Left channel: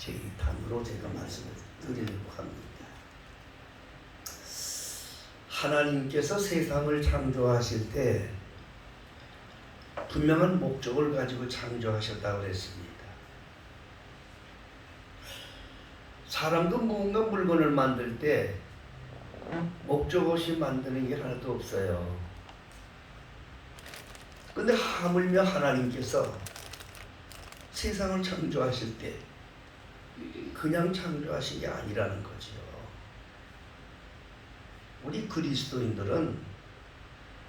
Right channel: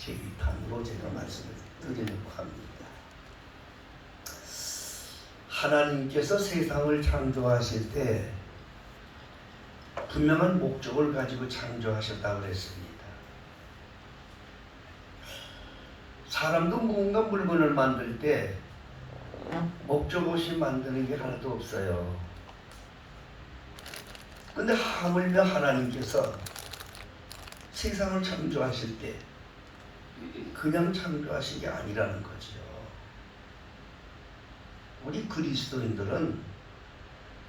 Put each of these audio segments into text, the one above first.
제2탄으로 제가 말씀을 드리려고 합니다. 하나님께서 세상을 창조하실 때 분명한 목적을 가지고 창조하셨다고 했습니다. 사람도 무언가 물건을 만들 때 목적 없이 만드는 게 하나도 없어요. 근데 하물며 하나님께서 세상을 창조하실 때 그냥 창조하신 게 아니라는 거죠. 우리 그리스도인들은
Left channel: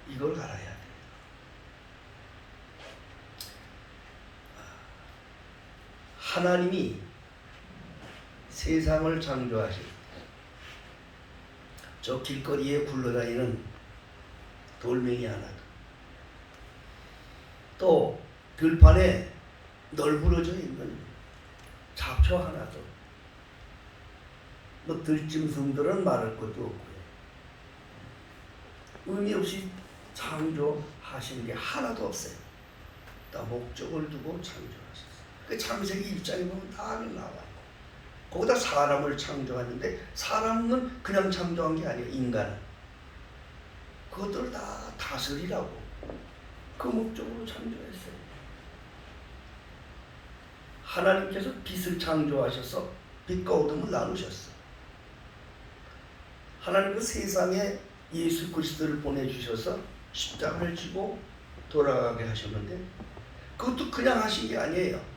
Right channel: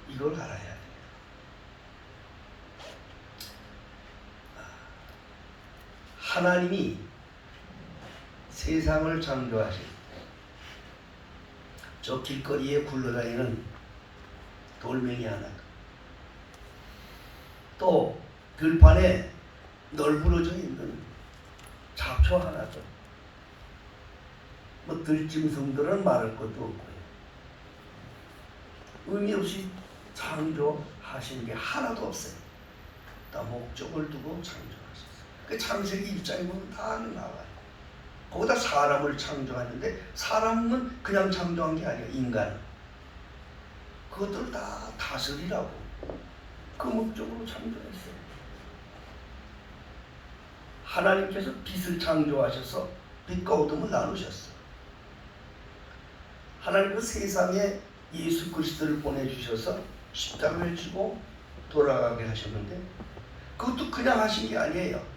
이걸 알아야 돼요. 하나님이 세상을 창조하실 때 저 길거리에 굴러다니는 돌멩이 하나, 또 들판에 널브러져 있는 잡초 하나도, 뭐 들짐승들은 말할 것도 없고 의미 없이 창조하신 게 하나도 없어요. 다 목적을 두고 창조하셨어요. 그 창세기 1장에 보면 다 나와요. 거기다 사람을 창조하는데 사람은 그냥 창조한 게 아니라 인간. 그것들을 다 다스리라고 그 목적으로 창조했어요. 하나님께서 빛을 창조하셔서 빛과 어둠을 나누셨어요. 하나님은 세상에 예수 그리스도를 보내주셔서 십자가를 지고 돌아가게 하셨는데 그것도 그냥 하신 게 아니에요.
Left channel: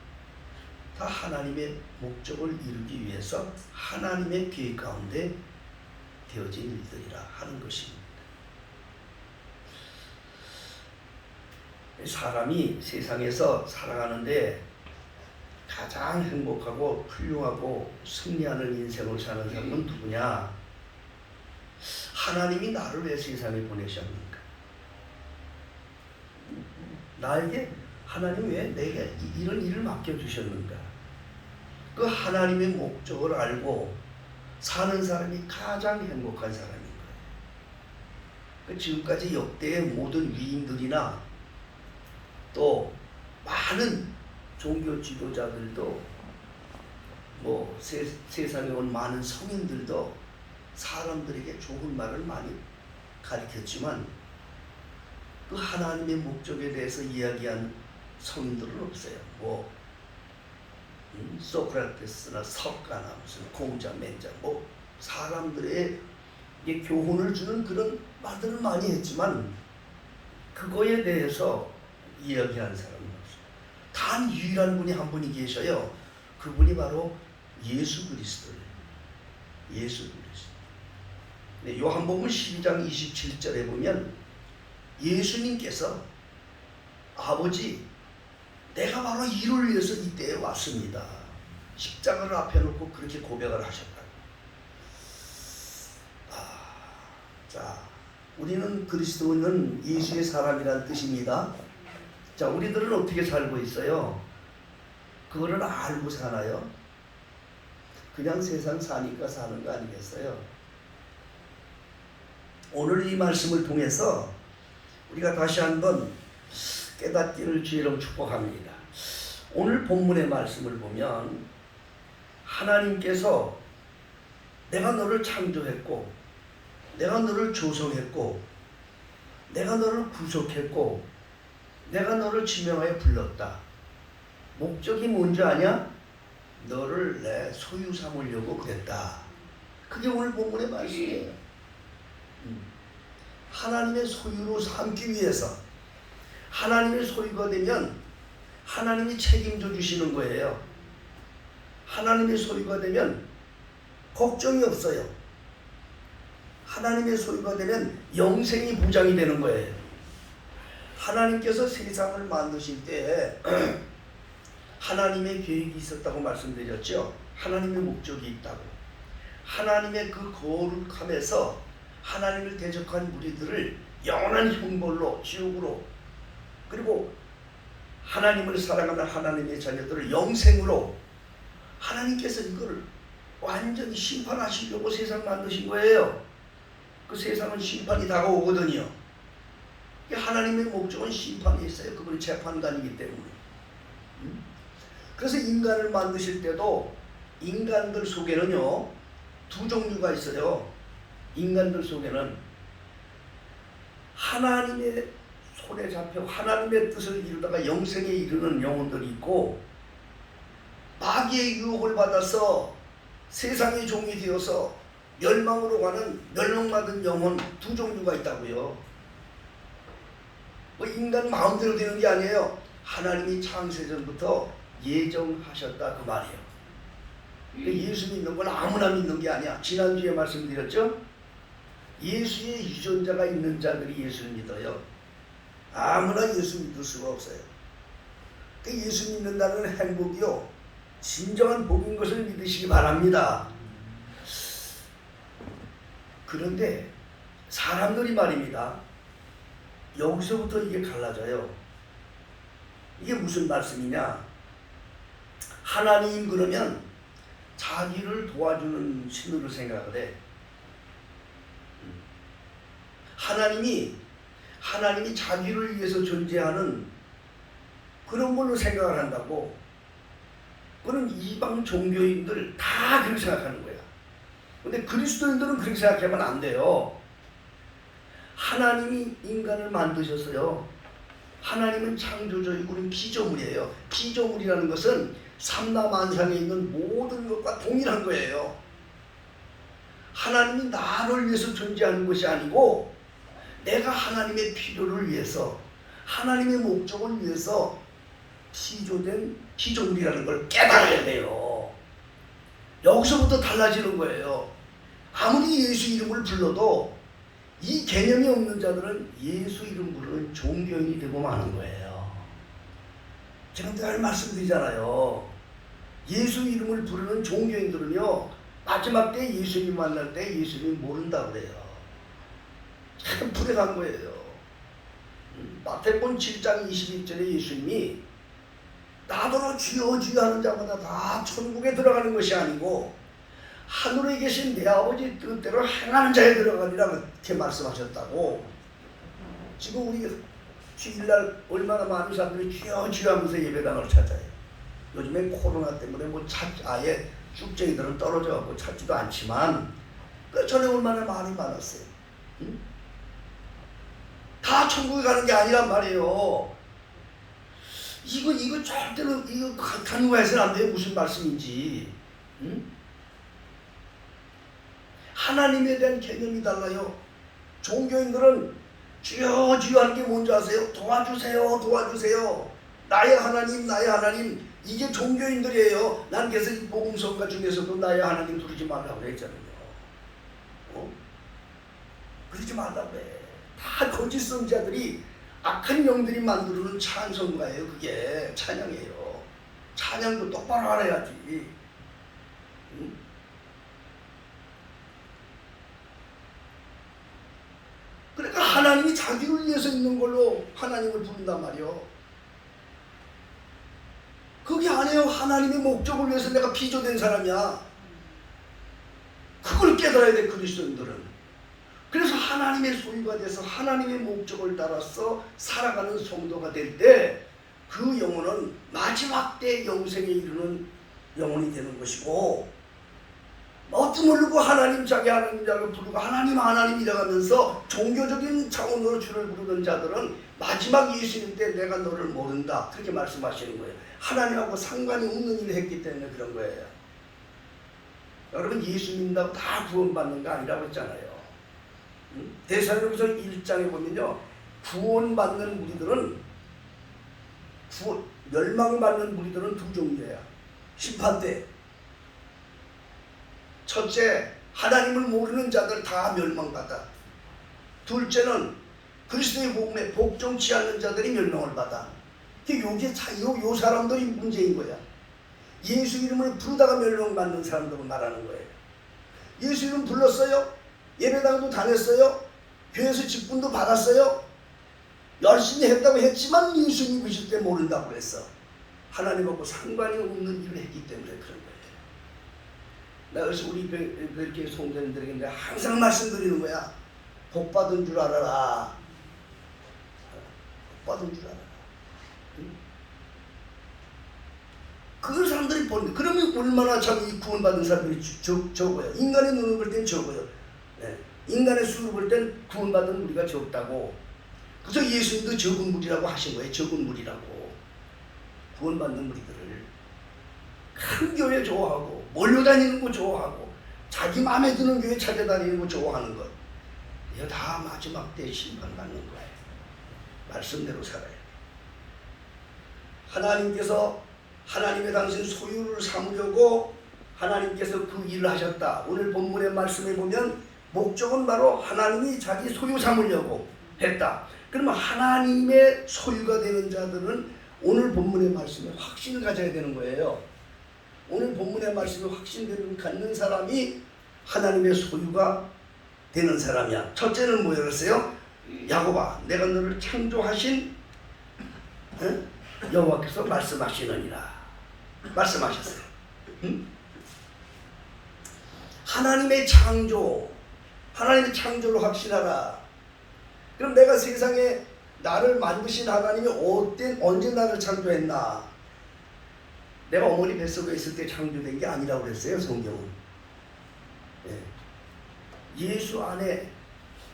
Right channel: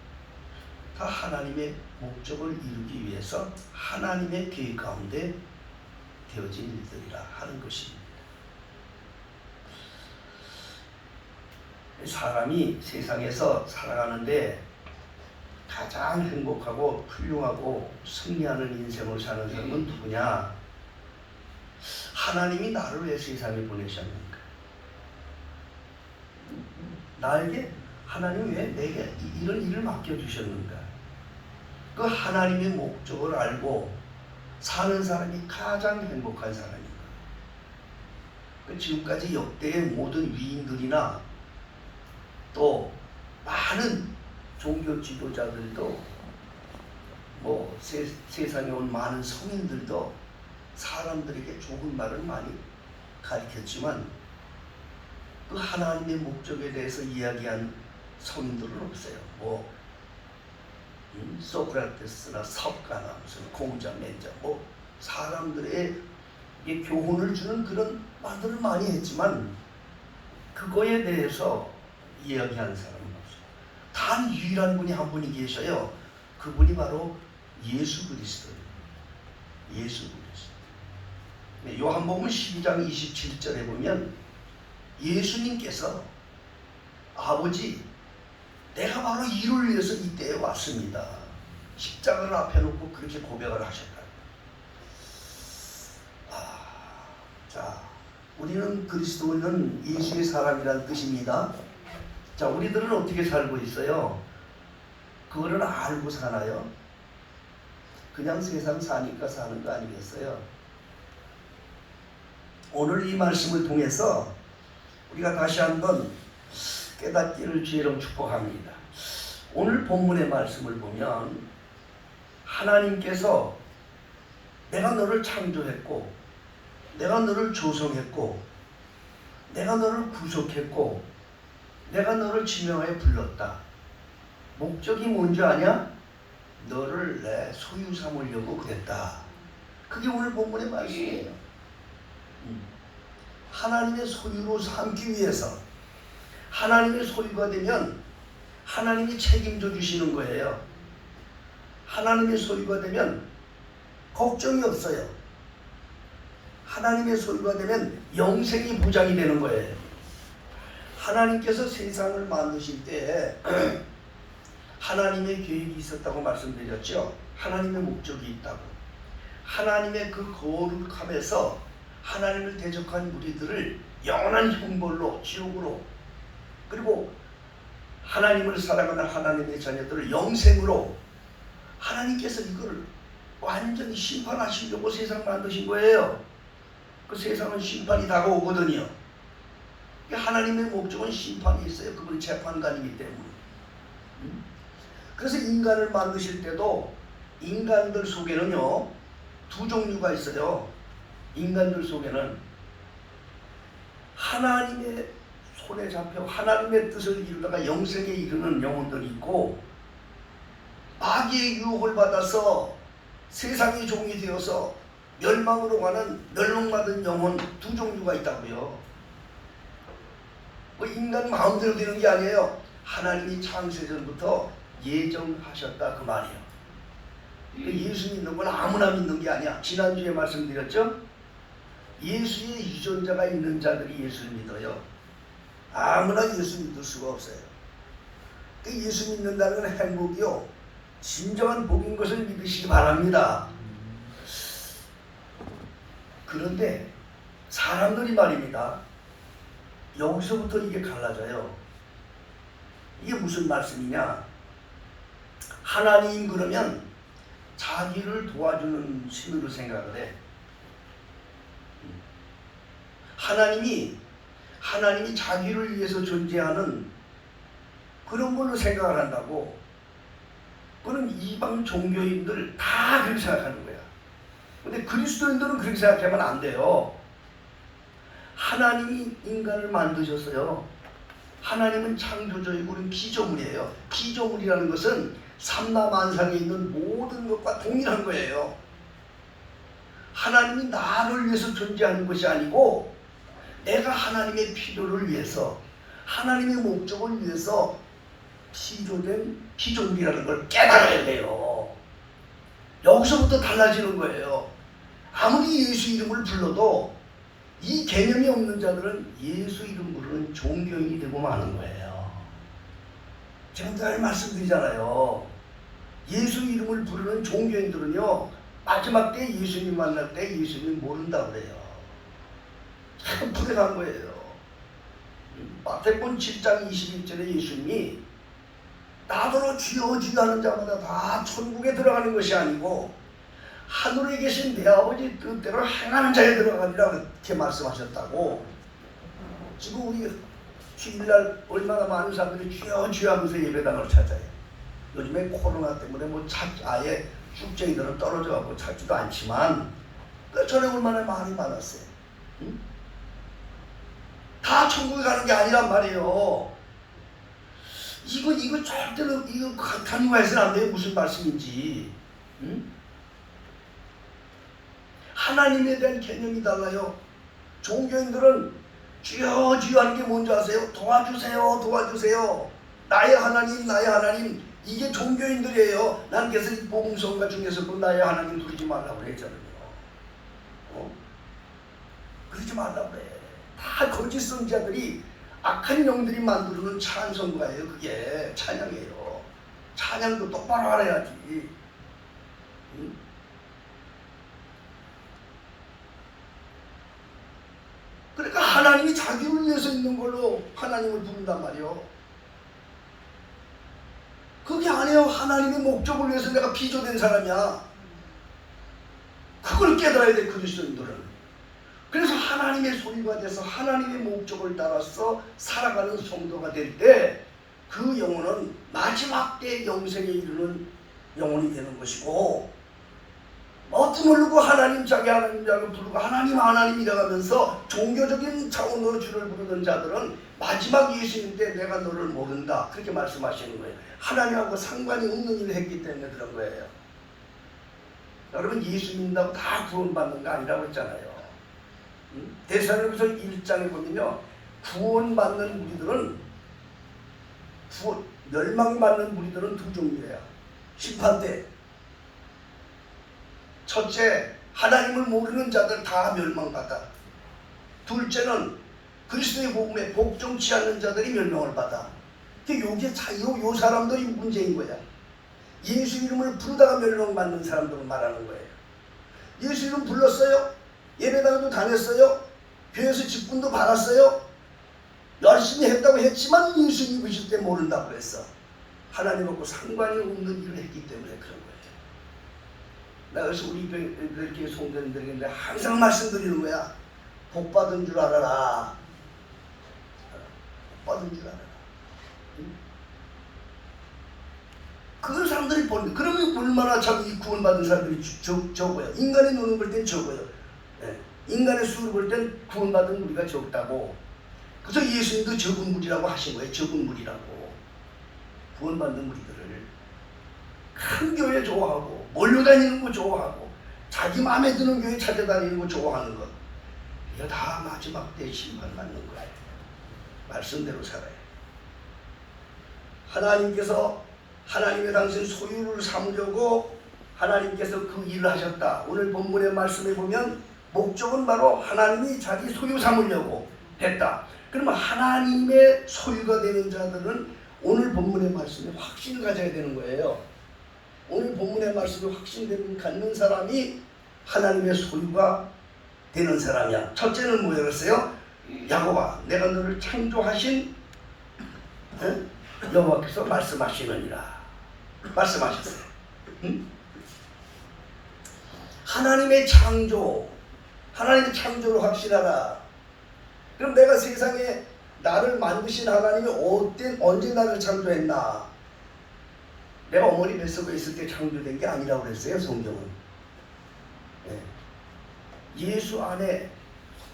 다 하나님의 목적을 이루기 위해서 하나님의 계획 가운데 되어진 일들이라 하는 것입니다. 사람이 세상에서 살아가는데 가장 행복하고 훌륭하고 승리하는 인생을 사는 사람은 누구냐? 하나님이 나를 왜 세상에 보내셨는가? 나에게 하나님 왜 내게 이런 일을 맡겨주셨는가? 그 하나님의 목적을 알고 사는 사람이 가장 행복한 사람입니다. 지금까지 역대의 모든 위인들이나 또 많은 종교 지도자들도 뭐 세상에 온 많은 성인들도 사람들에게 좋은 말을 많이 가르쳤지만 그 하나님의 목적에 대해서 이야기한 성인들은 없어요. 뭐 소크라테스나 석가나 무슨 공자, 맹자 뭐 사람들의 교훈을 주는 그런 말들을 많이 했지만 그거에 대해서 이야기한 사람은 없어요. 단 유일한 분이 한 분이 계셔요. 그분이 바로 예수 그리스도예요. 예수 그리스도. 네, 요한복음 12장 27절에 보면 예수님께서 아버지 내가 바로 이를 위해서 이 때에 왔습니다. 십자가를 앞에 놓고 그렇게 고백을 하셨다. 자, 우리는 그리스도는 예수의 사람이라는 뜻입니다. 자, 우리들은 어떻게 살고 있어요? 그거를 알고 사나요? 그냥 세상 사니까 사는 거 아니겠어요? 오늘 이 말씀을 통해서 우리가 다시 한번 깨닫기를 주의로 축복합니다. 오늘 본문의 말씀을 보면 하나님께서 내가 너를 창조했고 내가 너를 조성했고 내가 너를 구속했고 내가 너를 지명하여 불렀다. 목적이 뭔지 아냐? 너를 내 소유 삼으려고 그랬다. 그게 오늘 본문의 말씀이에요. 하나님의 소유로 삼기 위해서 하나님의 소유가 되면 하나님이 책임져 주시는 거예요. 하나님의 소유가 되면 걱정이 없어요. 하나님의 소유가 되면 영생이 보장이 되는 거예요. 하나님께서 세상을 만드실 때 하나님의 계획이 있었다고 말씀드렸죠. 하나님의 목적이 있다고. 하나님의 그 거룩함에서 하나님을 대적한 무리들을 영원한 형벌로 지옥으로 그리고 하나님을 사랑하는 하나님의 자녀들을 영생으로 하나님께서 이거를 완전히 심판하시려고 세상 만드신 거예요. 그 세상은 심판이 다가오거든요. 하나님의 목적은 심판이 있어요. 그분이 재판관이기 때문에. 그래서 인간을 만드실 때도 인간들 속에는요 두 종류가 있어요. 인간들 속에는 하나님의 손에 잡혀 하나님의 뜻을 이루다가 영생에 이르는 영혼들이 있고, 마귀의 유혹을 받아서 세상의 종이 되어서 멸망으로 가는 멸망받은 영혼 두 종류가 있다고요. 뭐 인간 마음대로 되는 게 아니에요. 하나님이 창세전부터 예정하셨다 그 말이에요. 예수 믿는 건 아무나 믿는 게 아니야. 지난주에 말씀드렸죠? 예수의 유전자가 있는 자들이 예수를 믿어요. 아무나 예수 믿을 수가 없어요. 예수 믿는다는 행복이요, 진정한 복인 것을 믿으시기 바랍니다. 그런데 사람들이 말입니다, 여기서부터 이게 갈라져요. 이게 무슨 말씀이냐? 하나님 그러면 자기를 도와주는 신으로 생각을 해. 하나님이 자기를 위해서 존재하는 그런 걸로 생각을 한다고. 그런 이방 종교인들 다 그렇게 생각하는 거야. 근데 그리스도인들은 그렇게 생각하면 안 돼요. 하나님이 인간을 만드셨어요. 하나님은 창조주이고 우리는 피조물이에요. 피조물이라는 것은 삼라만상에 있는 모든 것과 동일한 거예요. 하나님이 나를 위해서 존재하는 것이 아니고 내가 하나님의 필요를 위해서, 하나님의 목적을 위해서 피조된 피조물이라는 걸 깨달아야 돼요. 여기서부터 달라지는 거예요. 아무리 예수 이름을 불러도 이 개념이 없는 자들은 예수 이름 부르는 종교인이 되고 마는 거예요. 제가 늘 말씀드리잖아요. 예수 이름을 부르는 종교인들은요, 마지막 때 예수님 만날 때 예수님 모른다 그래요. 참 불행한 거예요. 마태복음 7장 21절에 예수님이 나더러 주여 주여 하는 자마다 다 천국에 들어가는 것이 아니고 하늘에 계신 내 아버지 뜻대로 행하는 자에 들어가리라 그렇게 말씀하셨다고. 지금 우리 주일날 얼마나 많은 사람들이 주여 주여 하면서 예배당을 찾아요. 요즘에 코로나 때문에 아예 쭉쟁이들은 떨어져가고 찾지도 않지만 전에 얼마나 많이 많았어요. 응? 다 천국에 가는 게 아니란 말이에요. 이거 절대로 이거 간과해서는 안 돼요. 무슨 말씀인지. 응? 하나님에 대한 개념이 달라요. 종교인들은 주여 주여 하는 게 뭔지 아세요? 도와주세요 도와주세요. 나의 하나님 나의 하나님. 이게 종교인들이에요. 난 그래서 복음성가 중에서 그 나의 하나님 부르지 말라고 그랬잖아요. 그러지 말라고 해. 다 거짓 선지자들이, 악한 영들이 만들어놓은 찬송가예요. 그게 찬양이에요. 찬양도 똑바로 알아야지. 응? 그러니까 하나님이 자기를 위해서 있는 걸로 하나님을 부른단 말이에요. 그게 아니에요. 하나님의 목적을 위해서 내가 피조된 사람이야. 그걸 깨달아야 돼, 그리스도인들은. 그래서 하나님의 소유가 돼서 하나님의 목적을 따라서 살아가는 성도가 될 때 그 영혼은 마지막 때 영생에 이르는 영혼이 되는 것이고, 어떤 모르고 하나님 자기 하나님 자기 부르고 하나님 하나님이라 하면서 종교적인 차원으로 주를 부르는 자들은 마지막 예수님 때 내가 너를 모른다 그렇게 말씀하시는 거예요. 하나님하고 상관이 없는 일을 했기 때문에 그런 거예요. 여러분 예수 믿는다고 다 구원받는 거 아니라고 했잖아요. 데살로니가서 1장에 보면요, 구원받는 무리들은 멸망받는 무리들은 두 종류예요. 심판 때 첫째, 하나님을 모르는 자들 다 멸망받아. 둘째는 그리스도의 복음에 복종치 않는 자들이 멸망을 받아. 요게 요 사람들이 문제인 거야. 예수 이름을 부르다가 멸망받는 사람들을 말하는 거예요. 예수 이름 불렀어요. 예배당도 다녔어요. 교회에서 직분도 받았어요. 열심히 했다고 했지만 예수 믿으실 때 모른다고 그랬어. 하나님하고 상관이 없는 일을 했기 때문에 그런 거예요. 내가 그래서 우리 이렇게 성도님들에게 항상 말씀드리는 거야. 복 받은 줄 알아라. 복 받은 줄 알아라. 그걸 사람들이 보는 그러면 얼마나 참 이 구원받은 사람들이 적어요. 인간의 눈을 볼 땐 적어요. 네. 인간의 수를 볼 땐 구원받은 무리가 적다고. 그래서 예수님도 적은 무리라고 하신 거예요. 적은 무리라고. 구원받는 무리들을 큰 교회 좋아하고 몰려다니는 거 좋아하고 자기 마음에 드는 교회 찾아다니는 거 좋아하는 것, 이게 다 마지막 때 심판받는 거예요. 말씀대로 살아요. 하나님께서 하나님의 당신 소유를 삼으려고 하나님께서 그 일을 하셨다. 오늘 본문의 말씀에 보면 목적은 바로 하나님이 자기 소유 삼으려고 했다. 그러면 하나님의 소유가 되는 자들은 오늘 본문의 말씀에 확신을 가져야 되는 거예요. 오늘 본문의 말씀에 확신을 갖는 사람이 하나님의 소유가 되는 사람이야. 첫째는 뭐였어요? 야곱아, 내가 너를 창조하신 여호와께서 말씀하시느니라. 말씀하셨어요. 응? 하나님의 창조, 하나님의 창조를 확신하라. 그럼 내가 세상에 나를 만드신 하나님이 언제 나를 창조했나? 내가 어머니 뱃속에 있을 때 창조된 게 아니라고 그랬어요, 성경은. 네. 예수 안에,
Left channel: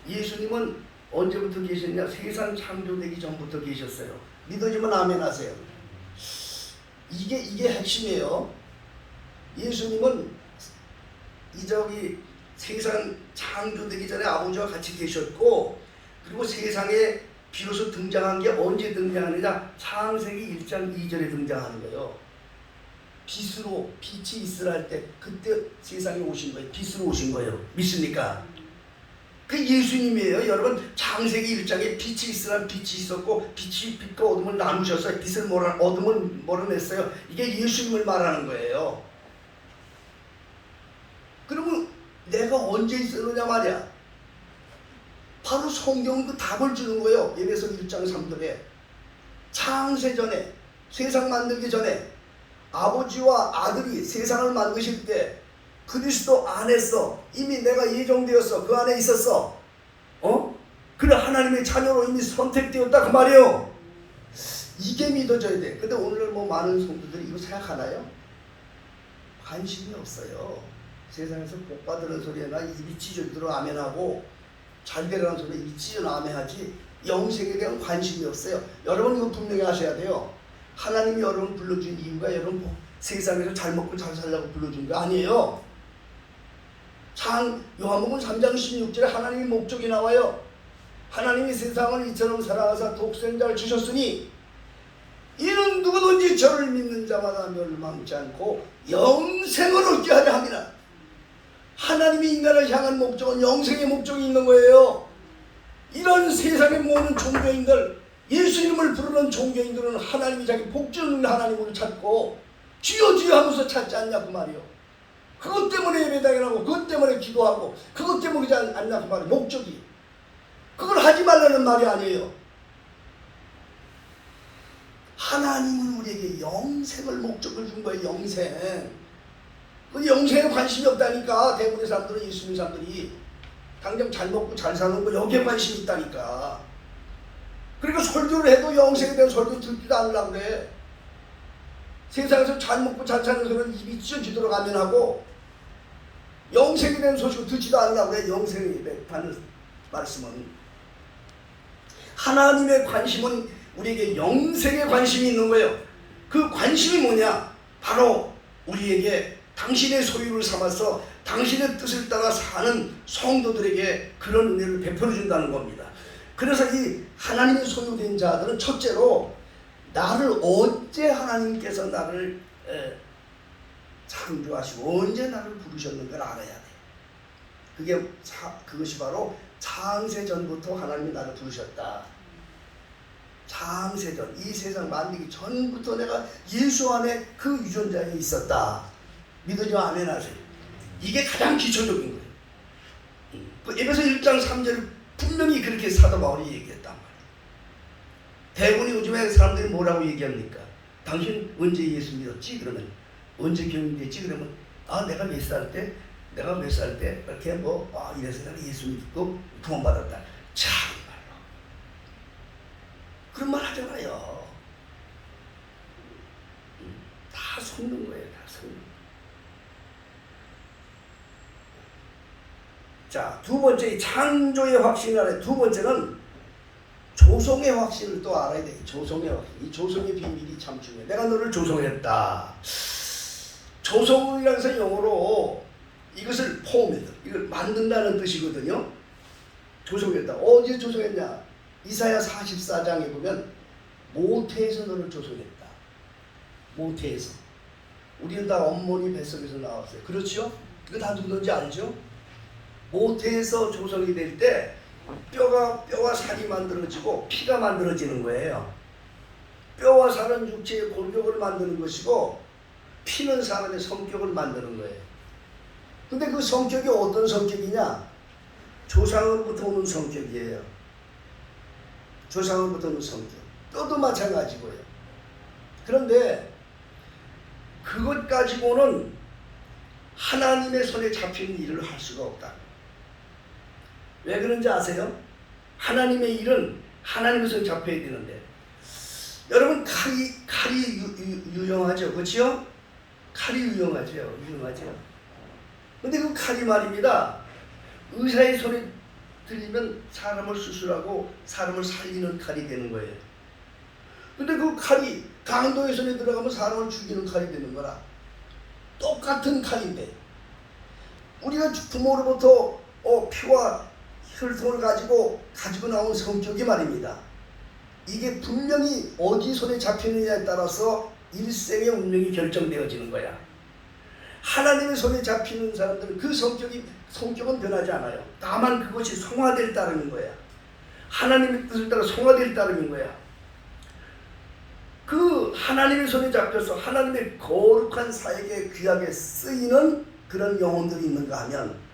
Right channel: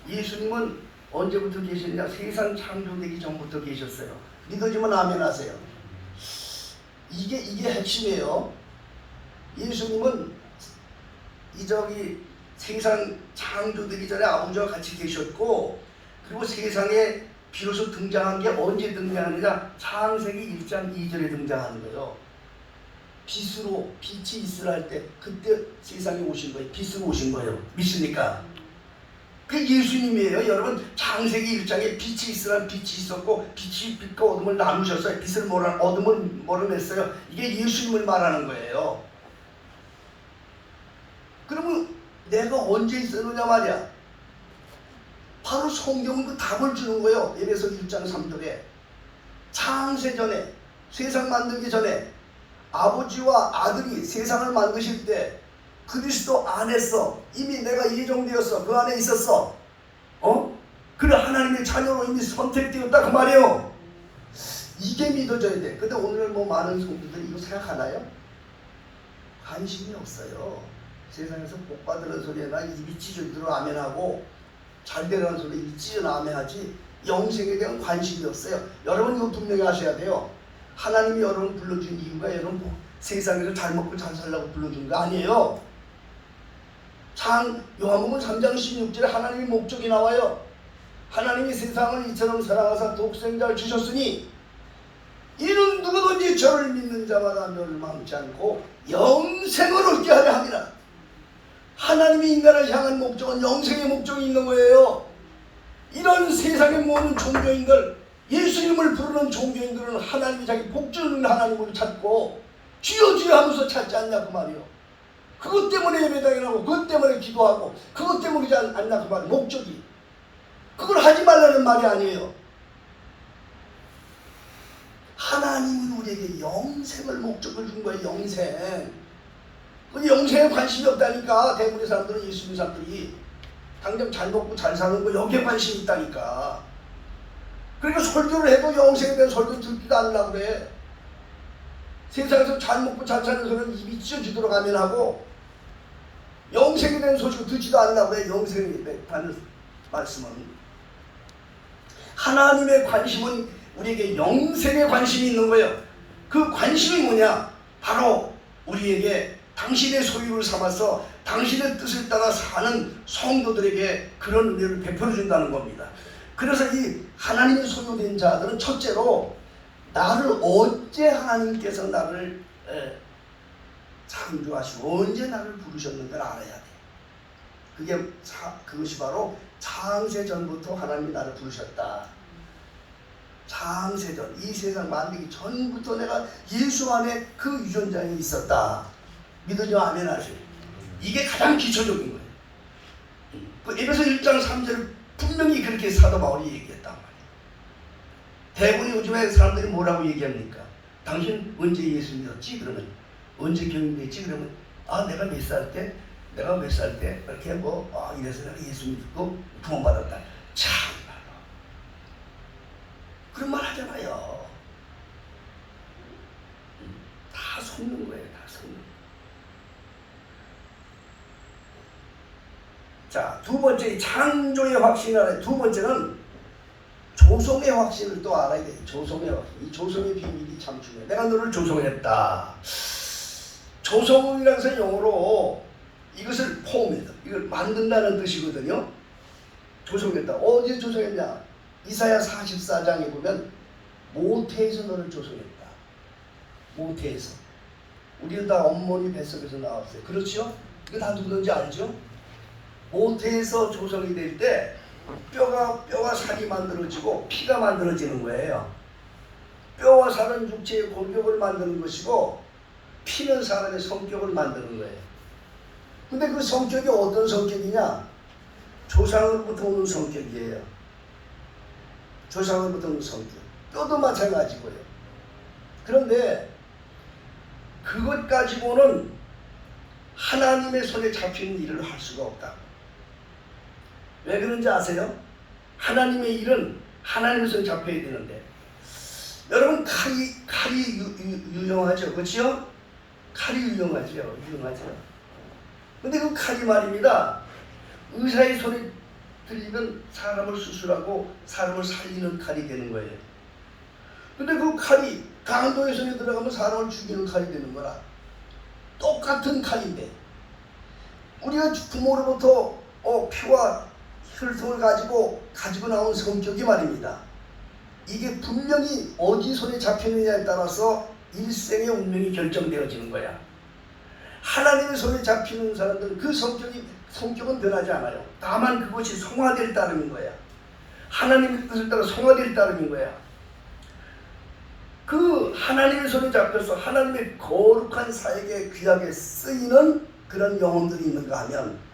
예수님은 언제부터 계셨냐? 세상 창조되기 전부터 계셨어요. 믿어지면 아멘 하세요. 이게 핵심이에요. 예수님은 세상 창조되기 전에 아버지와 같이 계셨고, 그리고 세상에 비로소 등장한 게 언제 등장하느냐? 창세기 1장 2절에 등장하는 거예요. 빛이 있으라 할 때 그때 세상에 오신 거예요. 빛으로 오신 거예요. 믿습니까? 그 예수님이에요. 여러분, 창세기 1장에 빛이 있으라 빛이 있었고 빛이 빛과 어둠을 나누셨어요. 빛을 어둠을 몰아냈어요. 이게 예수님을 말하는 거예요. 그러면 내가 언제 있었느냐 말이야. 바로 성경도 답을 주는 거예요. 에베소 1장 3절에 창세전에, 세상 만들기 전에 아버지와 아들이 세상을 만드실 때 그리스도 안에서 이미 내가 예정되었어. 그 안에 있었어. 그래, 하나님의 자녀로 이미 선택되었다 그 말이에요. 이게 믿어져야 돼. 근데 오늘 많은 성도들이 이거 생각하나요? 관심이 없어요. 세상에서 복 받으는 소리나 입이 찢어지도록 아멘하고 잘 되라는 소리 입이 찢어나 아멘하지 영생에 대한 관심이 없어요. 여러분 이거 분명히 아셔야 돼요. 하나님이 여러분 불러준 이유가 여러분 세상에서 잘 먹고 잘 살라고 불러준 거 아니에요. 요한복음 3장 16절에 하나님의 목적이 나와요. 하나님이 세상을 이처럼 사랑하사 독생자를 주셨으니 이는 누구든지 저를 믿는 자마다 멸망치 않고 영생을 얻게 하려 함이라. 하나님이 인간을 향한 목적은 영생의 목적이 있는 거예요. 이런 세상의 모든 종교인들, 예수님을 부르는 종교인들은 하나님이 자기 복주는 하나님으로 찾고 주여 주여 하면서 찾지 않냐 그 말이요. 그것 때문에 예배당이라고, 그것 때문에 기도하고, 그것 때문이지 않냐 그 말이요. 목적이. 그걸 하지 말라는 말이 아니에요. 하나님은 우리에게 영생을 목적을 준 거예요. 영생. 그 영생에 관심이 없다니까. 대부분의 사람들은, 예수님 사람들이 당장 잘 먹고 잘 사는 거 여기에 관심이 있다니까. 그리고 설교를 해도 영생에 대한 설교 듣지도 않으려고 그래. 세상에서 잘 먹고 잘 사는 사람은 입이 찢어지도록 아멘하고 영생에 대한 소식을 듣지도 않으려고 그래. 영생에 대한 말씀은. 하나님의 관심은 우리에게 영생에 관심이 있는 거예요. 그 관심이 뭐냐? 바로 우리에게 당신의 소유를 삼아서 당신의 뜻을 따라 사는 성도들에게 그런 은혜를 베풀어 준다는 겁니다. 그래서 이 하나님의 소유된 자들은 첫째로 나를 언제 하나님께서 나를 창조하시고 언제 나를 부르셨는가를 알아야 돼요. 그것이 바로 창세전부터 하나님이 나를 부르셨다. 창세전, 이 세상 만들기 전부터 내가 예수 안에 그 유전자에 있었다. 믿으시면 아멘 하세요. 이게 가장 기초적인 거예요. 그 에베소 1장 3절 분명히 그렇게 사도 바울이 얘기했단 말이에요. 대부분 요즘에 사람들이 뭐라고 얘기합니까? 당신 언제 예수 믿었지? 그러면 언제 교육됐지? 그러면 내가 몇 살 때 이렇게 이래서 내가 예수 믿고 구원받았다. 참 그런 말 하잖아요. 다 속는 거예요. 자, 두 번째 이 창조의 확신을 알아야 돼. 두 번째는 조성의 확신을 또 알아야 돼. 조성의 확신. 이 조성의 비밀이 참 중요해. 내가 너를 조성했다. 조성이라는 것은 영어로 이것을 폼이다. 이걸 만든다는 뜻이거든요. 조성했다. 어디서 조성했냐? 이사야 44장에 보면 모태에서 너를 조성했다. 모태에서. 우리는 다 어머니 뱃속에서 나왔어요. 그렇죠? 그거 다 누군지 알죠? 모태에서 조성이 될 때 뼈와 살이 만들어지고 피가 만들어지는 거예요. 뼈와 살은 육체의 골격을 만드는 것이고 피는 사람의 성격을 만드는 거예요. 근데 그 성격이 어떤 성격이냐? 조상으로부터 오는 성격이에요. 조상으로부터 오는 성격. 뼈도 마찬가지고요. 그런데 그것 가지고는 하나님의 손에 잡히는 일을 할 수가 없다. 왜 그런지 아세요? 하나님의 일은 하나님의 손에 잡혀야 되는데, 여러분 칼이 유용하죠, 그렇죠? 칼이 유용하죠. 근데 그 칼이 말입니다. 의사의 손에 들리면 사람을 수술하고 사람을 살리는 칼이 되는 거예요. 근데 그 칼이 강도의 손에 들어가면 사람을 죽이는 칼이 되는 거라. 똑같은 칼인데 우리가 부모로부터 피와 혈통을 가지고 나온 성격이 말입니다. 이게 분명히 어디 손에 잡히느냐에 따라서 일생의 운명이 결정되어지는 거야. 하나님의 손에 잡히는 사람들은 그 성격은 변하지 않아요. 다만 그것이 성화될 따름인 거야. 하나님의 뜻을 따라 성화될 따름인 거야. 그 하나님의 손에 잡혀서 하나님의 거룩한 사역에 귀하게 쓰이는 그런 영혼들이 있는가 하면,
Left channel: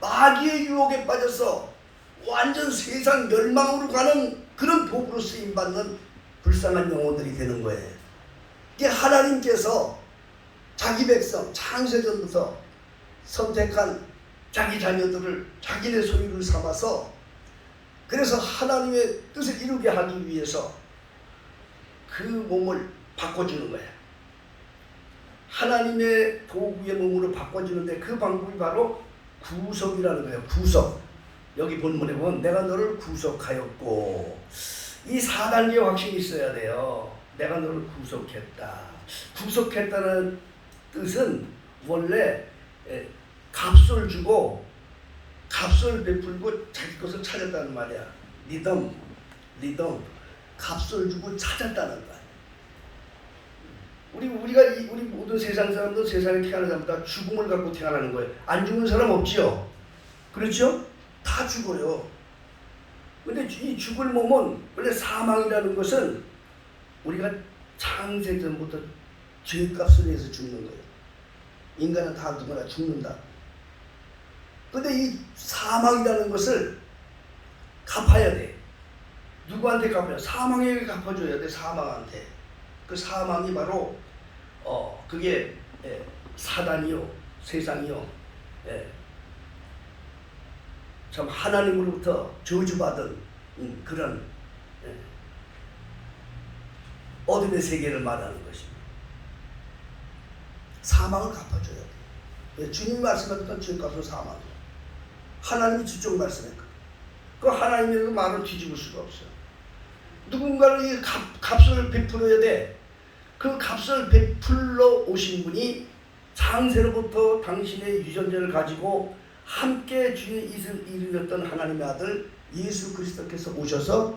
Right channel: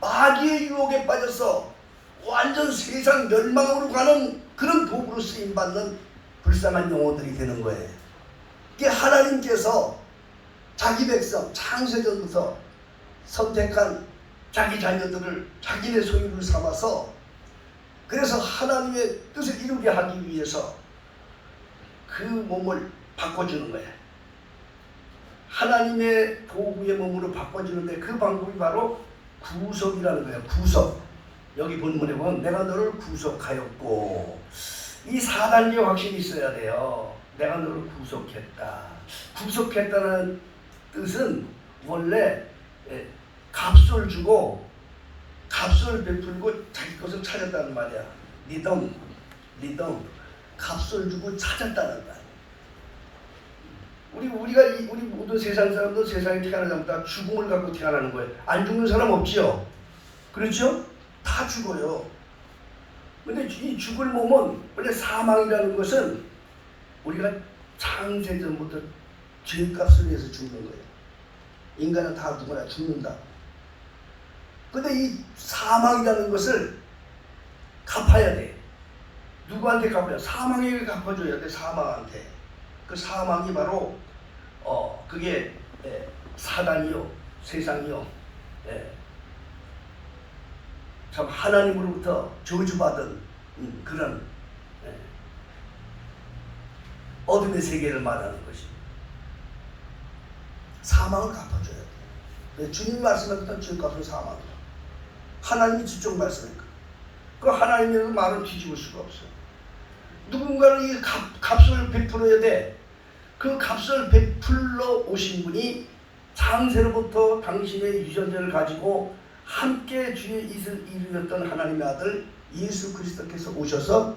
마귀의 유혹에 빠져서 완전 세상 멸망으로 가는 그런 도구로 쓰임받는 불쌍한 영혼들이 되는 거예요. 이게 하나님께서 자기 백성 창세전부터 선택한 자기 자녀들을 자기네 소유를 삼아서, 그래서 하나님의 뜻을 이루게 하기 위해서 그 몸을 바꿔주는 거예요. 하나님의 도구의 몸으로 바꿔주는데 그 방법이 바로 구속이라는 거예요. 구속. 여기 본문에 보면 내가 너를 구속하였고, 이 4단계의 확신이 있어야 돼요. 내가 너를 구속했다. 구속했다는 뜻은 원래 값을 주고 값을 베풀고 자기 것을 찾았다는 말이야. 리덤 값을 주고 찾았다는 말. 우리 모든 세상 사람도 세상에 태어나는 사람다 죽음을 갖고 태어나는 거예요. 안 죽는 사람 없지요. 그렇죠? 다 죽어요. 근데 이 죽을 몸은 원래 사망이라는 것은 우리가 창세전부터 죄값을 위해서 죽는 거예요. 인간은 다 누구나 죽는다. 근데 이 사망이라는 것을 갚아야 돼. 누구한테 갚아야 돼? 사망에게 갚아줘야 돼. 사망한테. 그 사망이 바로 그게 사단이요, 세상이요, 참 하나님으로부터 저주받은 그런 어둠의 세계를 말하는 것입니다. 사망을 갚아줘야 돼. 주님 말씀하셨던 죄값은 사망이에요. 하나님이 저쪽 말씀했고, 그 하나님의 말을 뒤집을 수가 없어요. 누군가는 이 값을 베풀어야 돼. 그 값을 베풀러 오신 분이 창세로부터 당신의 유전자를 가지고 함께 주의 이슬 이루었던 하나님의 아들 예수 그리스도께서 오셔서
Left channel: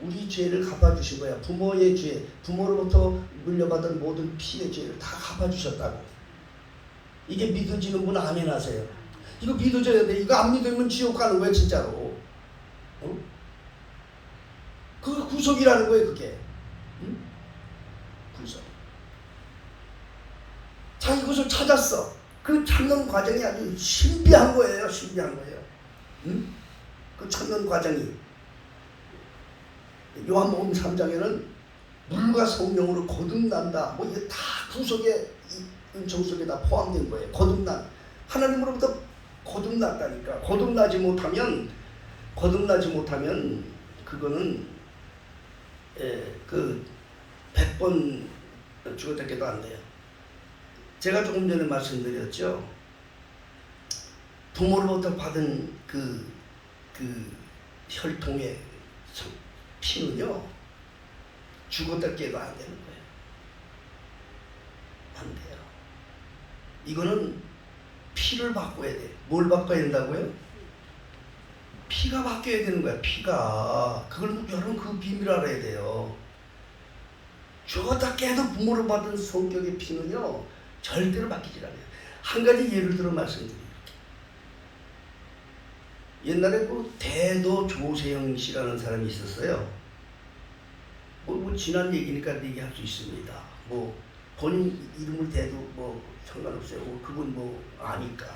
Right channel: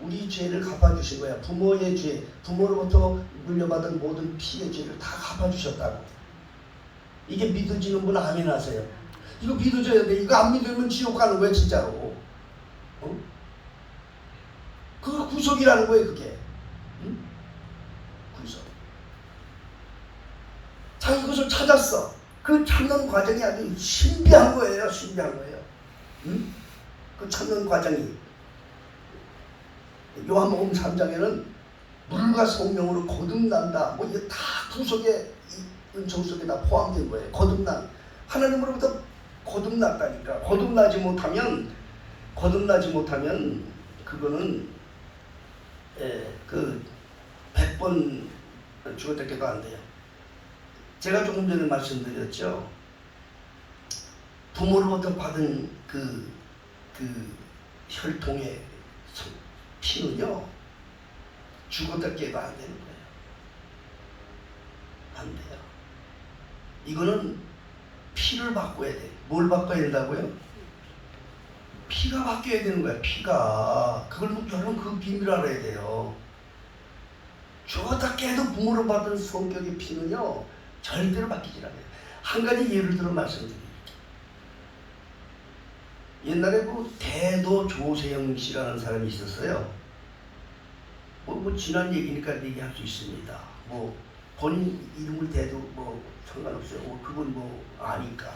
우리 죄를 갚아주신 거야. 부모의 죄, 부모로부터 물려받은 모든 피의 죄를 다 갚아주셨다고. 이게 믿어지는 분 아멘 하세요. 이거 믿어져야 돼. 이거 안 믿으면 지옥 가는 거야 진짜로. 그거 구속이라는 거예요. 그게 구속. 자기 것을 찾았어. 그 찾는 과정이 아주 신비한 거예요. 그 찾는 과정이 요한복음 3장에는 물과 성령으로 거듭난다. 뭐 이게 다 구속의 은총 속에 다 포함된 거예요. 거듭난 하나님으로부터 거듭났다니까. 거듭나지 못하면 그거는 그 100번 죽었다 깨도 안 돼요. 제가 조금 전에 말씀드렸죠. 부모로부터 받은 그 혈통의 피는요 죽었다 깨가 안 되는 거예요. 안 돼요. 이거는 피를 바꿔야 돼. 뭘 바꿔야 된다고요? 피가 바뀌어야 되는 거야. 피가. 그걸 여러분 그 비밀 알아야 돼요. 죽었다 깨도 부모로 받은 성격의 피는요 절대로 바뀌지 않아요. 한 가지 예를 들어 말씀드릴게요. 옛날에 그 대도 조세영 씨라는 사람이 있었어요. 뭐 지난 얘기니까 얘기할 수 있습니다. 뭐 본인 이름을 대도 뭐 상관없어요. 그건 뭐 아니까.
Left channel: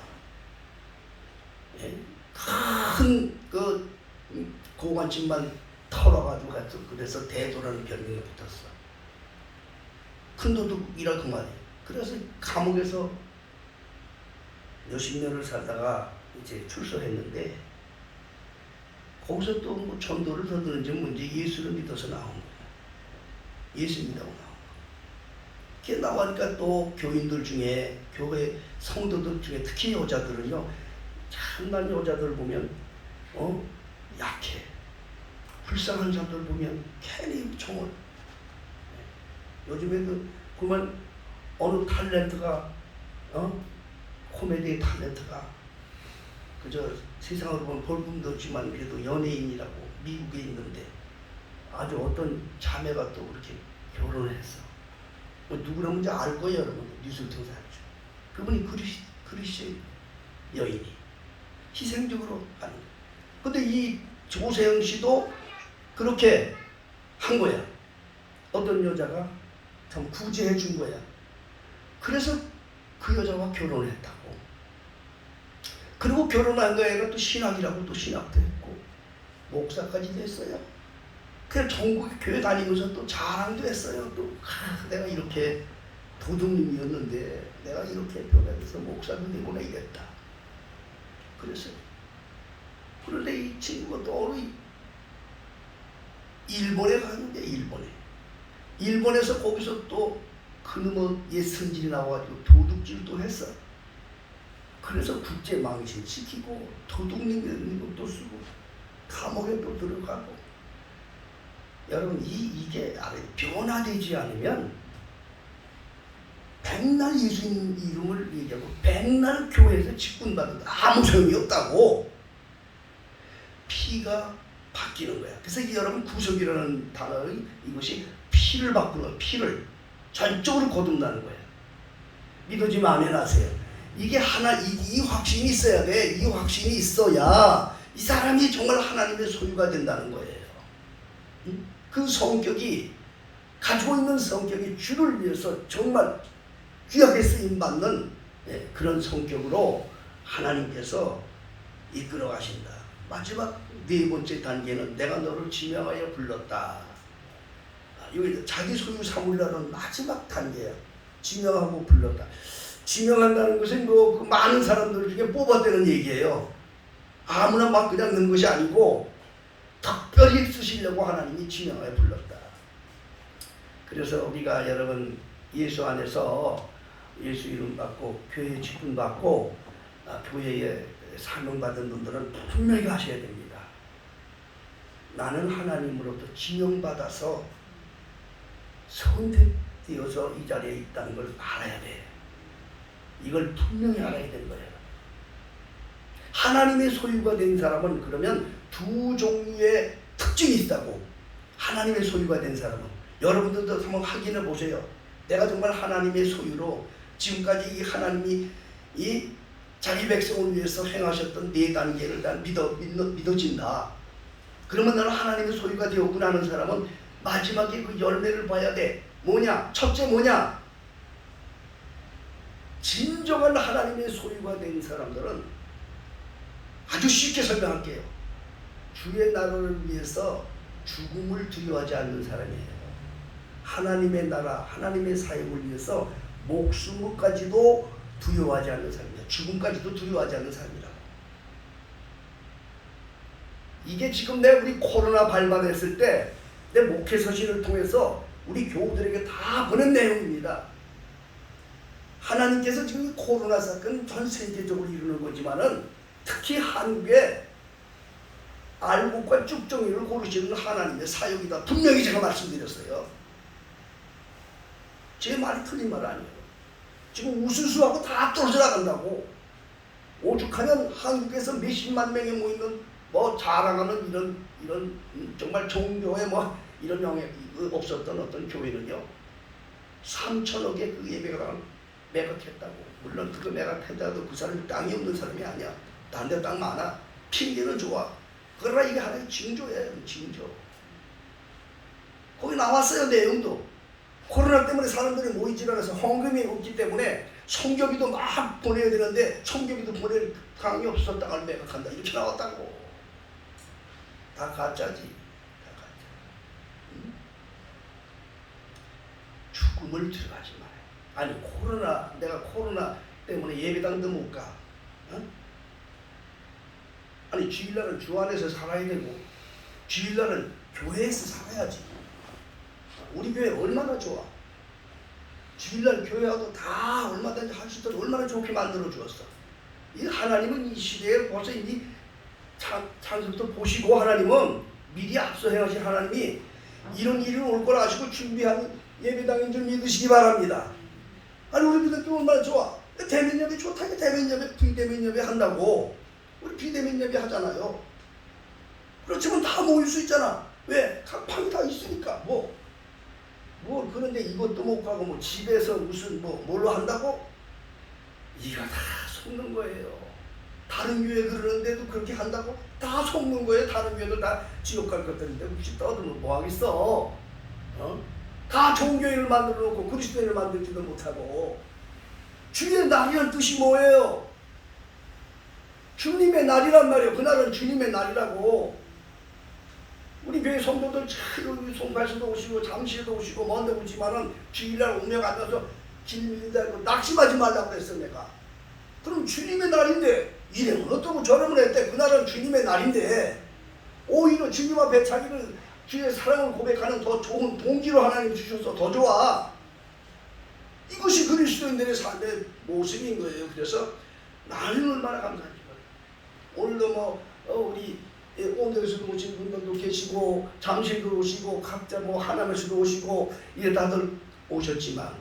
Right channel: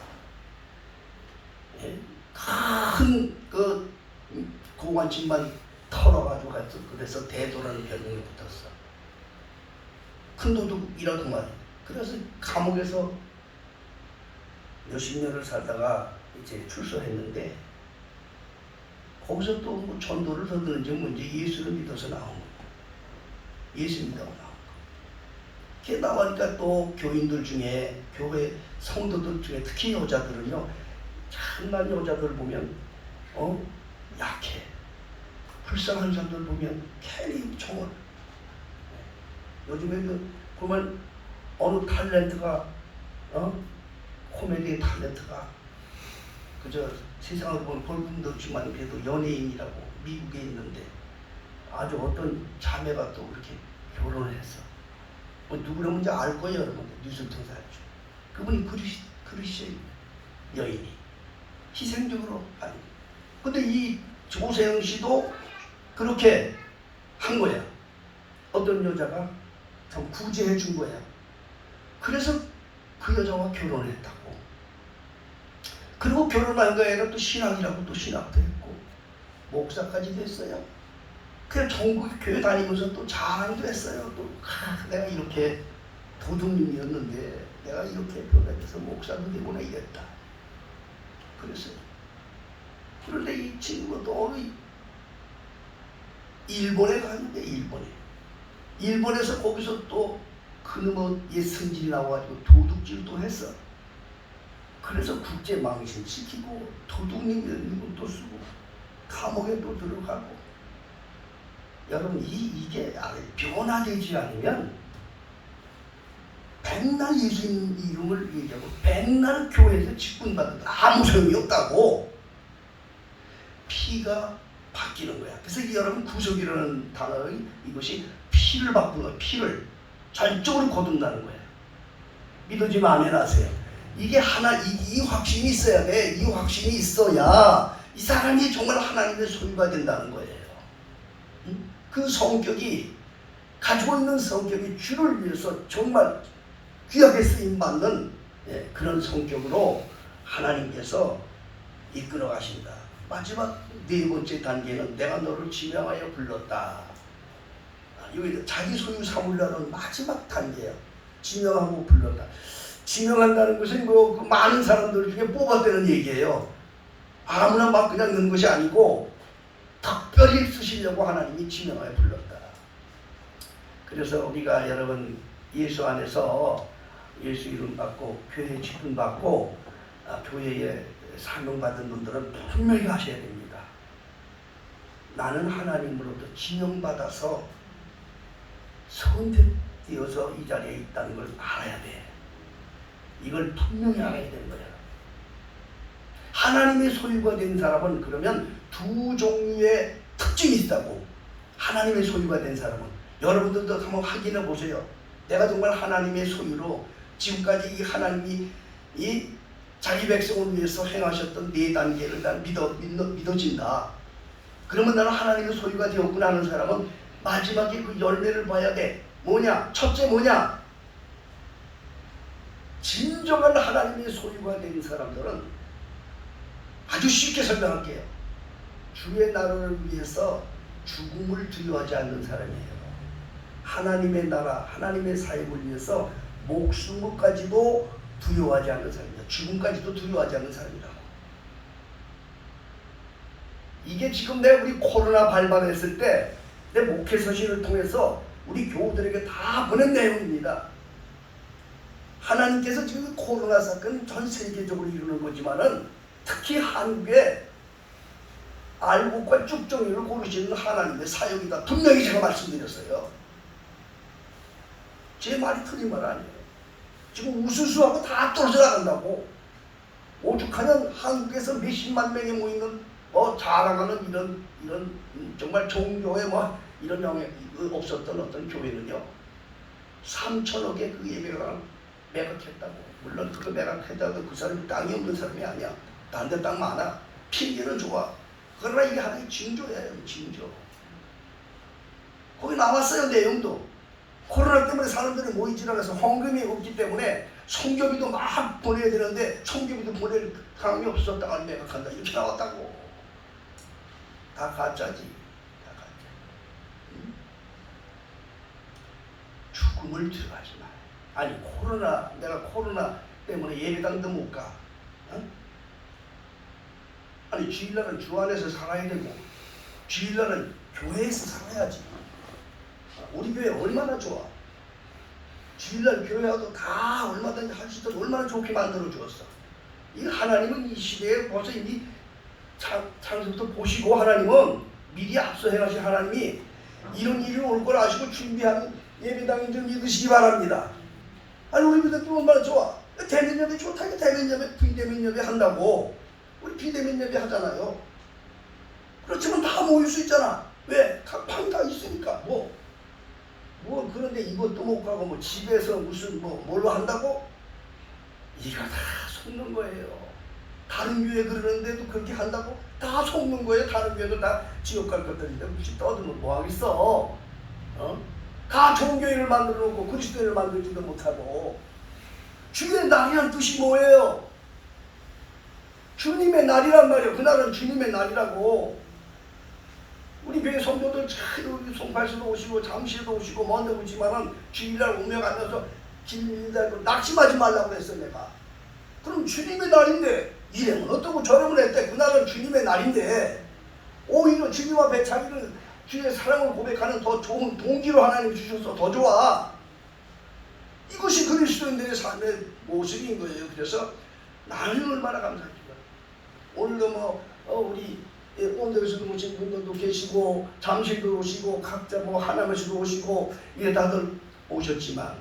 예? 큰 그 고관집만 털어가지고 가서 그래서 대도라는 별명이 붙었어. 큰 도둑이라 그 말이에요. 그래서 감옥에서 몇십 년을 살다가 이제 출소했는데 거기서 또 뭐 전도를 더드는지 뭔지 예수를 믿어서 나온 거예요. 예수 믿다고 나온 거예요. 그게 나오니까 또 교인들 중에 교회 성도들 중에 특히 여자들은요 참난 여자들 보면 약해. 불쌍한 사람들 보면 괜히 총을. 요즘에도 보면 어느 탤런트가 코미디 탤런트가 그저 세상으로 보면 볼품도 없지만 그래도 연예인이라고 미국에 있는데 아주 어떤 자매가 또 그렇게 결혼을 했어. 뭐 누구라고 이제 알 거예요, 여러분. 뉴스 통해서 알죠. 그분이 그리스 여인이 희생적으로 하는 거예요. 근데 이 조세영 씨도 그렇게 한 거야. 어떤 여자가 참 구제해 준 거야. 그래서 그 여자와 결혼을 했다고. 그리고 결혼한 거에는 또 신학이라고 또 신학도 했고 목사까지 됐어요. 그냥 전국 교회 다니면서 또 자랑도 했어요. 또 내가 이렇게 도둑님이었는데 내가 이렇게 변화해서 목사도 되고 나겠다. 그랬어요. 그런데 이 친구가 또 어느 일본에 갔는데 일본에서 거기서 또 그놈의 옛 승질이 나와가지고 도둑질도 했어. 그래서 국제 망신 시키고 도둑님 이런 것도 쓰고 감옥에 또 들어가고. 여러분 이게 변화되지 않으면 백날 예수님 이름을 얘기하고 백날 교회에서 직분받아도 아무 소용이 없다고. 피가 바뀌는 거야. 그래서 여러분 구속이라는 단어의 이것이 피를 바꾸는 거야. 피를 절적으로 거둔다는 거야. 믿어지면 아멘 하세요. 이게 이 확신이 있어야 돼. 이 확신이 있어야 이 사람이 정말 하나님의 소유가 된다는 거예요. 그 성격이 가지고 있는 성격이 주를 위해서 정말 귀하게 쓰임받는 그런 성격으로 하나님께서 이끌어 가신다. 마지막 네 번째 단계는 내가 너를 지명하여 불렀다. 이거 자기 소유 삼으려는 마지막 단계야. 지명하고 불렀다. 지명한다는 것은 그 많은 사람들 중에 뽑아대는 얘기예요. 아무나 막 그냥 넣는 것이 아니고 특별히 쓰시려고 하나님이 지명하여 불렀다. 그래서 우리가 여러분 예수 안에서 예수 이름 받고 교회 직분 받고 교회에 사명받은 분들은 분명히 하셔야 됩니다. 나는 하나님으로부터 지명받아서 선택되어서 이 자리에 있다는 걸 알아야 돼. 이걸 분명히 알아야 되는 거야. 하나님의 소유가 된 사람은 그러면 두 종류의 특징이 있다고. 하나님의 소유가 된 사람은 여러분들도 한번 확인해 보세요. 내가 정말 하나님의 소유로 지금까지 이 하나님이 이 자기 백성을 위해서 행하셨던 네 단계를 난 믿어진다. 그러면 나는 하나님의 소유가 되었구나 하는 사람은 마지막에 그 열매를 봐야 돼. 뭐냐? 첫째 뭐냐? 진정한 하나님의 소유가 된 사람들은 아주 쉽게 설명할게요. 주의 나라를 위해서 죽음을 두려워하지 않는 사람이에요. 하나님의 나라, 하나님의 사역을 위해서 목숨까지도 두려워하지 않는 사람이에요. 죽음까지도 두려워하지 않는 사람이라고. 이게 지금 우리 코로나 발발했을 때 내 목회 서신을 통해서 우리 교우들에게 다 보낸 내용입니다. 하나님께서 지금 코로나 사건은 전 세계적으로 이루는 거지만은 특히 한국에 알곡과 쭉정이를 고르시는 하나님의 사역이다. 분명히 제가 말씀드렸어요. 제 말이 틀린 말 아니에요. 지금 우수수하고 다 떨어져 나간다고. 오죽하면 한국에서 몇십만 명이 모이는 자랑하는 이런 정말 종교에 이런 명예 없었던 어떤 교회는요, 3천억의 그 예배가 매각했다고. 물론 그거 매각했다도 그 사람이 땅이 없는 사람이 아니야. 다른 데 땅 많아. 핑계는 좋아. 그러나 이게 하나의 징조예요. 징조. 거기 나왔어요. 내용도. 코로나 때문에 사람들이 모이지 않아서 헌금이 없기 때문에 성교비도 막 보내야 되는데 성교비도 보낼 사람이 없어서 땅을 매각한다. 이렇게 나왔다고. 다 가짜지. 다 가짜. 응? 죽음을 들어가지 마요. 아니 내가 코로나 때문에 예배당도 못 가. 응? 아니 주일날은 주 안에서 살아야 되고 주일날은 교회에서 살아야지. 우리 교회 얼마나 좋아. 주일날 교회하고 다 얼마든지 할 수 있도록 얼마나 좋게 만들어 주었어. 이 하나님은 이 시대에 벌써 이미 창세부터 보시고 하나님은 미리 앞서 행하신 하나님이 이런 일이 올 걸 아시고 준비한 예배당인 줄 믿으시기 바랍니다. 아니 우리 교회도 얼마나 좋아. 대면 예배 좋다니 대면 예배 비대면 예배 한다고. 우리 비대면 예배 하잖아요. 그렇지만 다 모일 수 있잖아. 왜? 각 방이 다 있으니까. 그런데 이것도 못 가고 집에서 무슨 뭘로 한다고? 이거 다 속는 거예요. 다른 교회 그러는데도 그렇게 한다고? 다 속는 거예요. 다른 교회도 다 지옥 갈 것들인데 혹시 떠들면 뭐 하겠어? 다 종교회를 만들어 놓고 그리스도인을 만들지도 못하고. 주의 날이란 뜻이 뭐예요? 주님의 날이란 말이에요. 그날은 주님의 날이라고. 우리 교회 성도들 참 송파시도 오시고 잠실도 오시고 먼데 오지만은 주일날 오며 앉아서 길 밀다고 낙심하지 말라고 그랬어 내가. 그럼 주님의 날인데 이래면 어떻고 저러면 했대. 그날은 주님의 날인데 오히려 주님 앞에 자기를 주의 사랑을 고백하는 더 좋은 동기로 하나님 주셔서 더 좋아. 이것이 그리스도인들의 삶의 모습인 거예요. 그래서 나는 얼마나 감사합니다. 오늘도 우리 온대에서도 오신 분들도 계시고 잠실도 오시고 각자 하나님에서도 오시고 이게 다들 오셨지만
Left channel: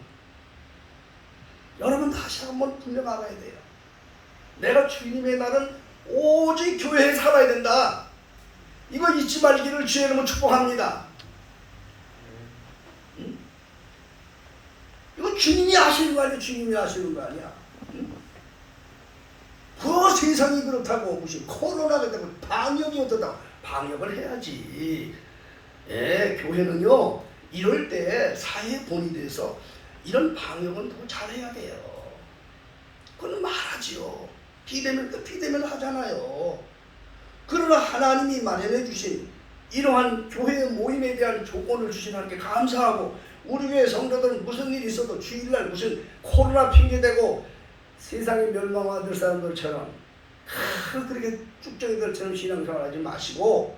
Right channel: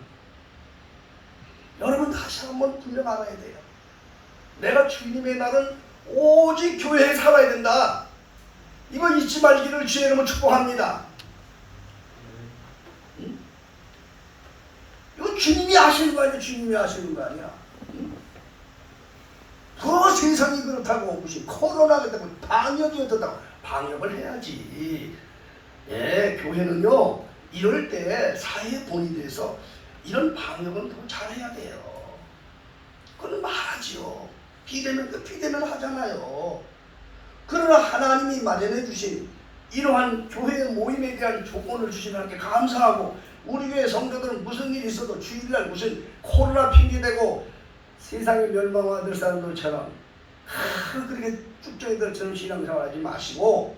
여러분 다시 한번 분명 알아야 돼요. 내가 주님의 날은 오직 교회에 살아야 된다. 이거 잊지 말기를 주의 이름으로 축복합니다. 응? 이거 주님이 하시는 거 아니야. 주님이 하시는 거 아니야. 응? 그 세상이 그렇다고 무슨 코로나가 되고 방역이 어떻다고. 방역을 해야지. 예, 교회는요 이럴 때 사회 본이 돼서 이런 방역은 더 잘해야 돼요. 그건 말하지요. 비대면 하잖아요. 그러나 하나님이 마련해 주신 이러한 교회 모임에 대한 조건을 주신 하나님께 감사하고, 우리 교회 성도들은 무슨 일이 있어도 주일날 무슨 코로나 핑계대고 세상에 멸망하던 사람들처럼 그렇게 쭉정이들처럼 신앙생활하지 마시고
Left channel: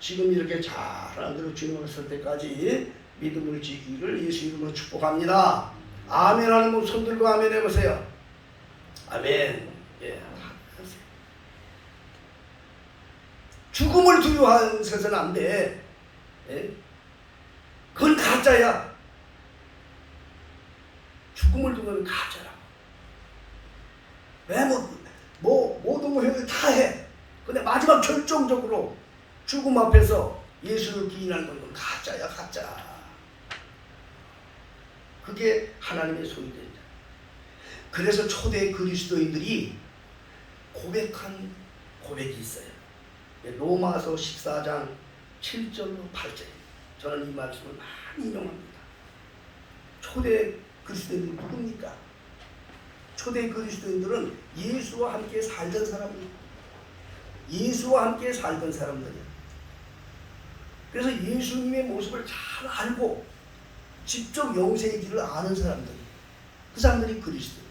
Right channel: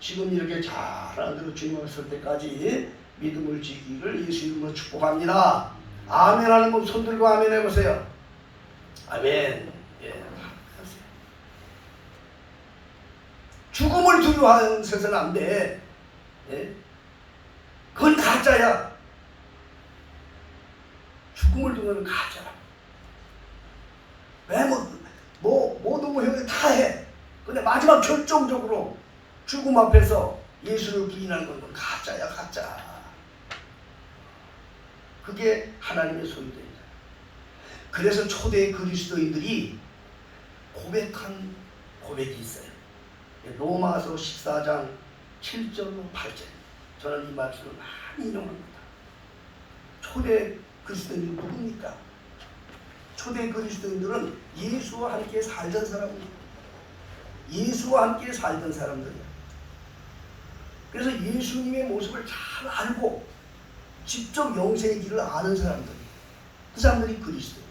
지금 이렇게 잘하는 대로 주님 왔을 때까지 믿음을 지키기를 예수 이름으로 축복합니다. 아멘 하는 분 손 들고 아멘 해보세요. 아멘. 예. 죽음을 두려워해서는 안 돼. 예? 그건 가짜야. 죽음을 두려워하는 가짜야. 왜 모든 걸 다 해. 근데 마지막 결정적으로 죽음 앞에서 예수를 부인하는 건 가짜야, 가짜. 그게 하나님의 소유입니다. 그래서 초대 그리스도인들이 고백한 고백이 있어요. 로마서 14장 7절로 8절. 저는 이 말씀을 많이 인용합니다. 초대 그리스도인들은 누굽니까? 초대 그리스도인들은 예수와 함께 살던 사람이에요. 예수와 함께 살던 사람들이에요. 그래서 예수님의 모습을 잘 알고 직접 영생의 길을 아는 사람들이에요. 그 사람들이 그리스도.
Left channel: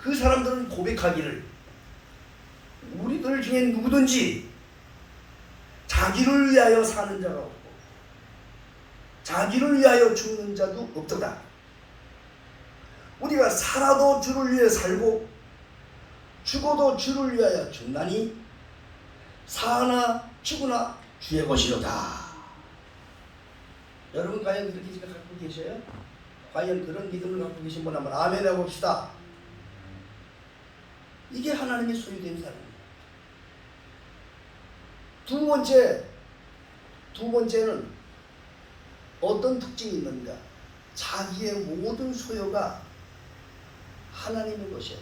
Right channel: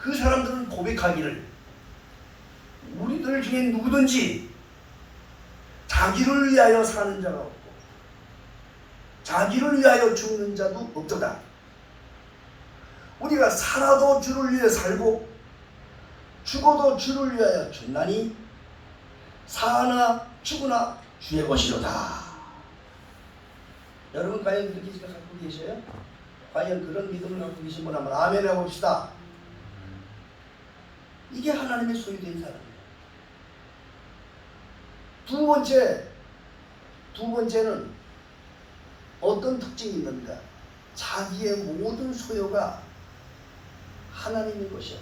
그 사람들은 고백하기를 우리들 중에 누구든지 자기를 위하여 사는 자가 없고 자기를 위하여 죽는 자도 없도다. 우리가 살아도 주를 위해 살고 죽어도 주를 위하여 죽나니 사나 죽으나 주의 것이로다. 여러분 과연 그렇게 지금 갖고 계셔요? 과연 그런 믿음을 갖고 계신 분 한번 아멘 해봅시다. 이게 하나님의 소유된 사람이에요. 두 번째는 어떤 특징이 있는가? 자기의 모든 소유가 하나님의 것이야.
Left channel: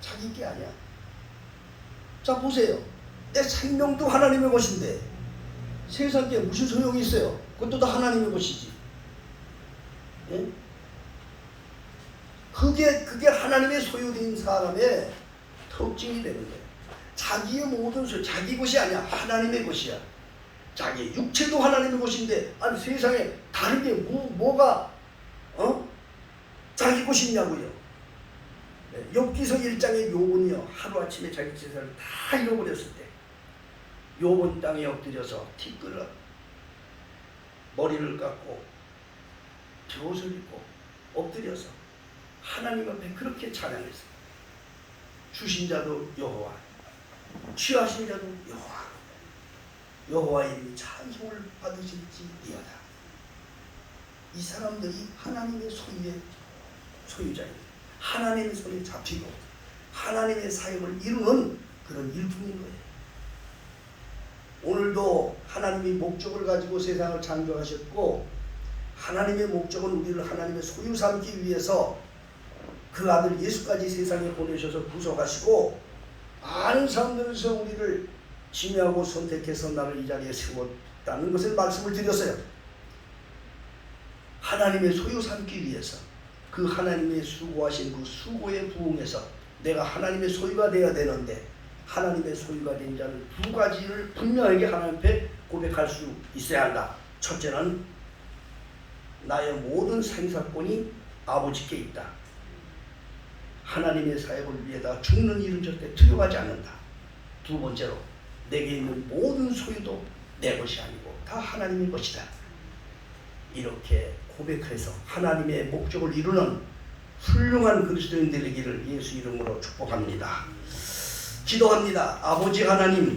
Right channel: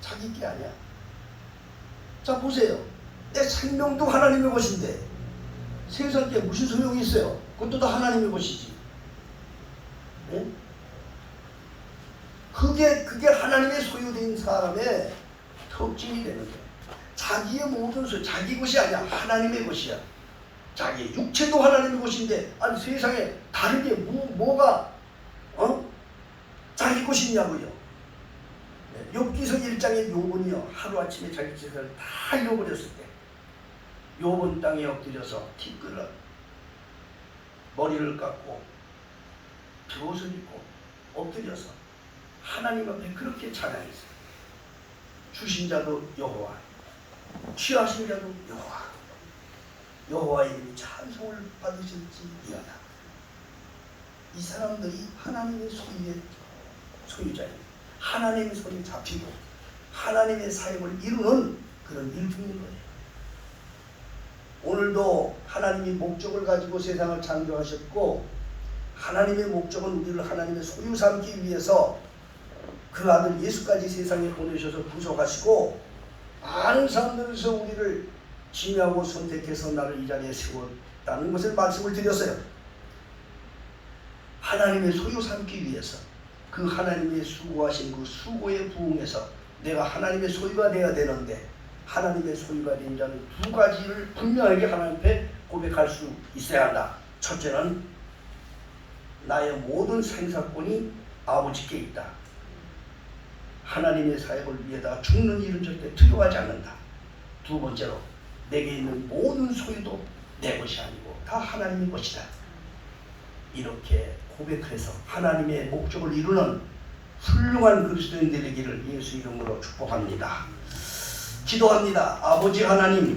자기 게 아니야. 자 보세요. 내 생명도 하나님의 것인데 세상 게 무슨 소용이 있어요? 그것도 다 하나님의 것이지. 예? 그게 하나님의 소유된 사람의 특징이 되는 거예요. 자기의 모든 소유, 자기 것이 아니야. 하나님의 것이야. 자기 육체도 하나님의 것인데 아니 세상에 다른 게 뭐가 자기 것이 있냐고요. 욥기서 1장의 욥은요 하루아침에 자기 재산을 다 잃어버렸을 때 욥은 땅에 엎드려서 티끌어 머리를 깎고 젖을 입고 엎드려서 하나님 앞에 그렇게 찬양했어요. 주신 자도 여호와, 취하신 자도 여호와, 여호와 이름이 찬송을 받으실지어다. 이 사람들이 하나님의 소유자예요. 하나님의 손에 잡히고 하나님의 사역을 이루는 그런 일품인 거예요. 오늘도 하나님이 목적을 가지고 세상을 창조하셨고 하나님의 목적은 우리를 하나님의 소유 삼기 위해서 그 아들 예수까지 세상에 보내셔서 구속하시고 많은 사람들에서 우리를 지명하고 선택해서 나를 이 자리에 세웠다는 것을 말씀을 드렸어요. 하나님의 소유 삼기 위해서 그 하나님의 수고하신 그 수고에 부응해서 내가 하나님의 소유가 되어야 되는데 하나님의 소유가 된 자는 두 가지를 분명하게 하나님 앞에 고백할 수 있어야 한다. 첫째는 나의 모든 생사권이 아버지께 있다. 하나님의 사역을 위해다가 죽는 일은 절대 두려워하지 않는다. 두 번째로 내게 있는 모든 소유도 내 것이 아니고 다 하나님의 것이다. 이렇게 고백해서 하나님의 목적을 이루는 훌륭한 그리스도인 되기를 예수 이름으로 축복합니다. 기도합니다. 아버지 하나님,